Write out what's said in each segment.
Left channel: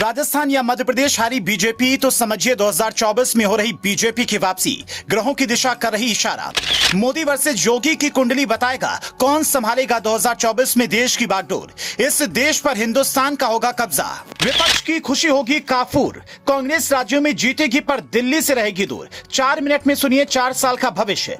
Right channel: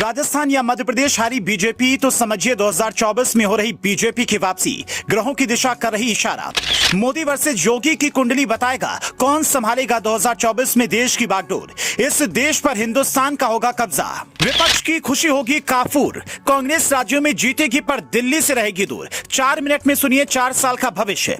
राजस्थान या मध्य प्रदेश हारी बीजेपी तो समझिए 2024 में हो रही बीजेपी की वापसी ग्रहों की दिशा कर रही इशारा। मोदी वर्सेस योगी की कुंडली बताएगा कौन संभालेगा 2024 में देश की बागडोर। इस देश पर हिंदुस्तान का होगा कब्जा। विपक्ष की खुशी होगी काफूर। कांग्रेस राज्यों में जीतेगी पर दिल्ली से रहेगी दूर। 4 मिनट में सुनिए 4 साल का भविष्य।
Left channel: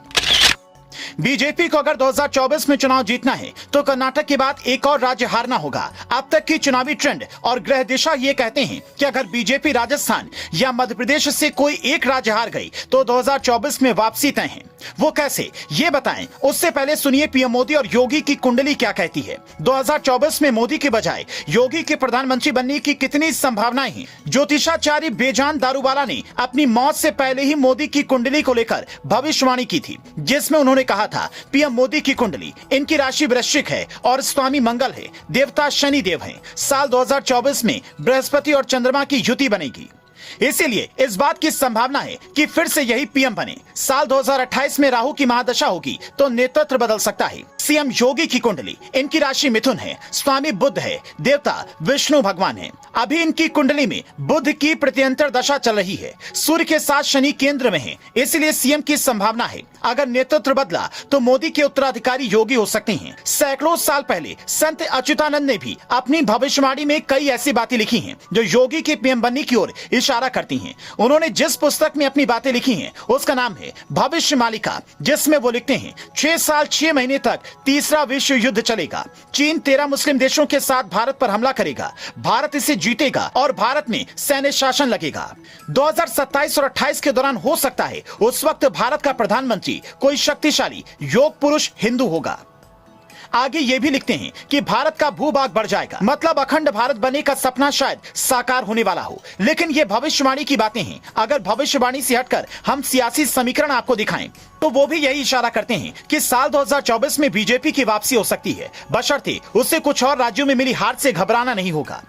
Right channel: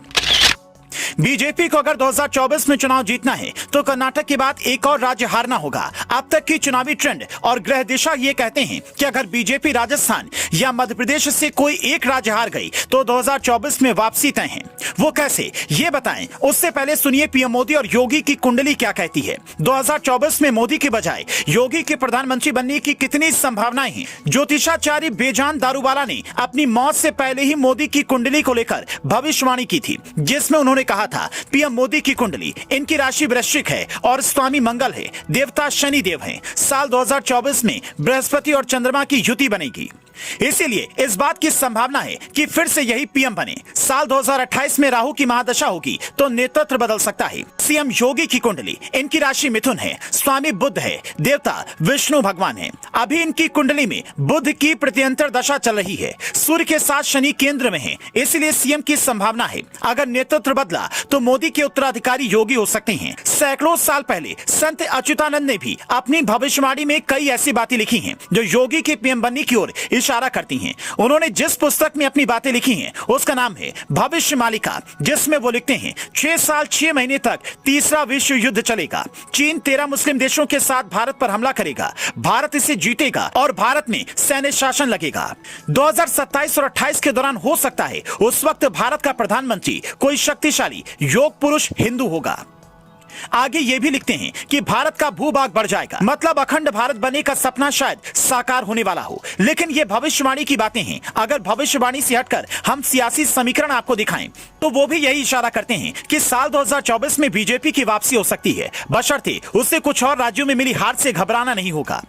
बीजेपी को अगर 2024 में चुनाव जीतना है तो कर्नाटक के बाद एक और राज्य हारना होगा। अब तक की चुनावी ट्रेंड और ग्रह दिशा ये कहते हैं कि अगर बीजेपी राजस्थान या मध्य प्रदेश से कोई एक राज्य हार गई तो 2024 में वापसी तय है। वो कैसे, ये बताएं। उससे पहले सुनिए पीएम मोदी और योगी की कुंडली क्या कहती है। 2024 में मोदी के बजाय योगी के प्रधानमंत्री बनने की कितनी संभावनाएं हैं। ज्योतिषाचार्य बेजान दारूवाला ने अपनी मौत से पहले ही मोदी की कुंडली को लेकर भविष्यवाणी की थी, जिसमें उन्होंने कहा था पीएम मोदी की कुंडली, इनकी राशि वृश्चिक है और स्वामी मंगल है, देवता शनि देव हैं। साल 2024 में बृहस्पति और चंद्रमा की युति बनेगी, इसीलिए इस बात की संभावना है कि फिर से यही पीएम बने। साल 2028 में राहु की महादशा होगी तो नेतृत्व बदल सकता है। सीएम योगी की कुंडली, इनकी राशि मिथुन है, स्वामी बुध है, देवता विष्णु भगवान है। अभी इनकी कुंडली में बुध की प्रत्यंतर दशा चल रही है, सूर्य के साथ शनि केंद्र में है, इसलिए सीएम की संभावना है अगर नेतृत्व बदला तो मोदी के उत्तराधिकारी योगी हो सकते हैं। सैकड़ों साल पहले संत अच्युतानंद ने भी अपनी भविष्यवाणी में कई ऐसी बातें लिखी हैं जो योगी के पीएम बनने की ओर इशारा करती हैं। उन्होंने जिस पुस्तक में अपनी बातें लिखी हैं उसका नाम है भविष्य मालिका, जिसमें वो लिखते हैं 6 साल 6 महीने तक तीसरा विश्व युद्ध चलेगा। चीन 13 मुस्लिम देशों के साथ भारत पर हमला करेगा, भारत इसे जीतेगा और भारत में सैन्य शासन लगेगा। 2027 और 28 के दौरान हो सकता है उस वक्त भारत का प्रधानमंत्री कोई शक्तिशाली योग पुरुष हिंदू होगा। आगे ये भी लिखते हैं कि भारत का भूभाग बढ़ जाएगा, मतलब अखंड भारत बनने का सपना शायद साकार होने वाला हो। लेकिन ये भविष्यवाणी की बातें हैं। अगर भविष्यवाणी से हटकर हम सियासी समीकरण आपको दिखाएं तो वो भी यही इशारा करते हैं कि साल 2024 में बीजेपी की वापसी हो सकती है, बशर्ते उससे कुछ और राज्यों में मिली हार से घबराना नहीं होगा।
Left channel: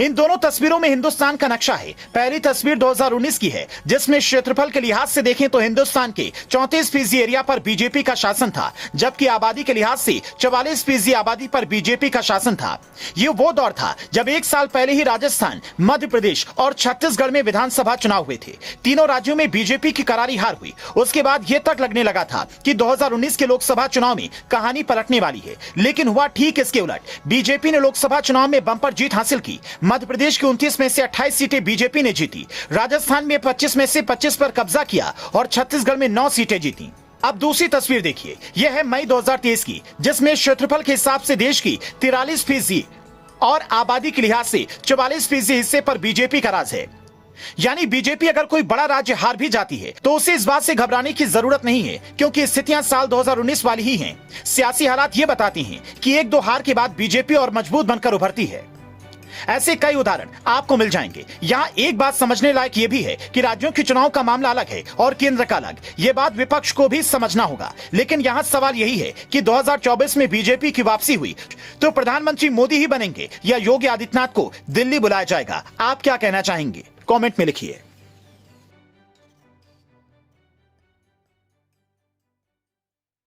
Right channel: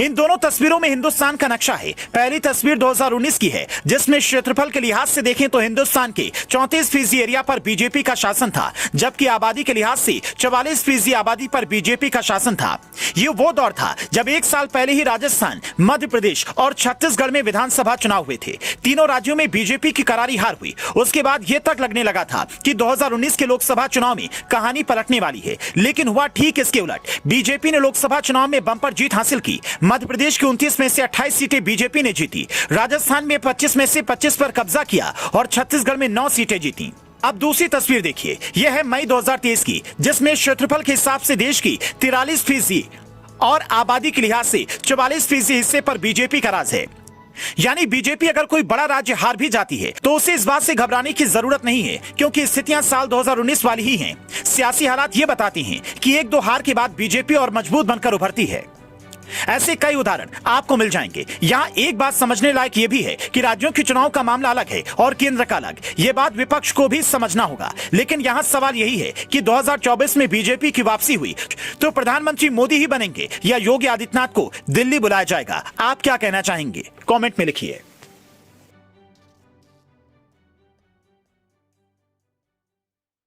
इन दोनों तस्वीरों में हिंदुस्तान का नक्शा है। पहली तस्वीर 2019 की है, जिसमें क्षेत्रफल के लिहाज से देखें तो हिंदुस्तान के 34% एरिया पर बीजेपी का शासन था, जबकि आबादी के लिहाज से 44% आबादी पर बीजेपी का शासन था। ये वो दौर था जब एक साल पहले ही राजस्थान, मध्य प्रदेश और छत्तीसगढ़ में विधानसभा चुनाव हुए थे। तीनों राज्यों में बीजेपी की करारी हार हुई। उसके बाद यह तक लगने लगा था कि 2019 के लोकसभा चुनाव में कहानी पलटने वाली है, लेकिन हुआ ठीक इसके उलट। बीजेपी ने लोकसभा चुनाव में बंपर जीत हासिल की। मध्य प्रदेश की 29 में से 28 सीटें बीजेपी ने जीती, राजस्थान में 25 में से 25 पर कब्जा किया और छत्तीसगढ़ में 9 सीटें जीती। अब दूसरी तस्वीर देखिए, यह है मई 2023 की, जिसमें क्षेत्रफल के हिसाब से देश की 43% और आबादी के लिहाज से 44% हिस्से पर बीजेपी का राज है। यानी बीजेपी अगर कोई बड़ा राज्य हार भी जाती है तो उसे इस बात से घबराने की जरूरत नहीं है, क्योंकि स्थितियां साल 2019 वाली ही हैं। सियासी हालात ये बताती हैं कि 1-2 हार के बाद बीजेपी और मजबूत बनकर उभरती है। ऐसे कई उदाहरण आपको मिल जाएंगे। यहाँ एक बात समझने लायक ये भी है कि राज्यों के चुनाव का मामला अलग है और केंद्र का अलग। ये बात विपक्ष को भी समझना होगा। लेकिन यहाँ सवाल यही है कि 2024 में बीजेपी की वापसी हुई तो प्रधानमंत्री मोदी ही बनेंगे या योगी आदित्यनाथ को दिल्ली बुलाया जाएगा। आप क्या कहना चाहेंगे, कमेंट में लिखिए।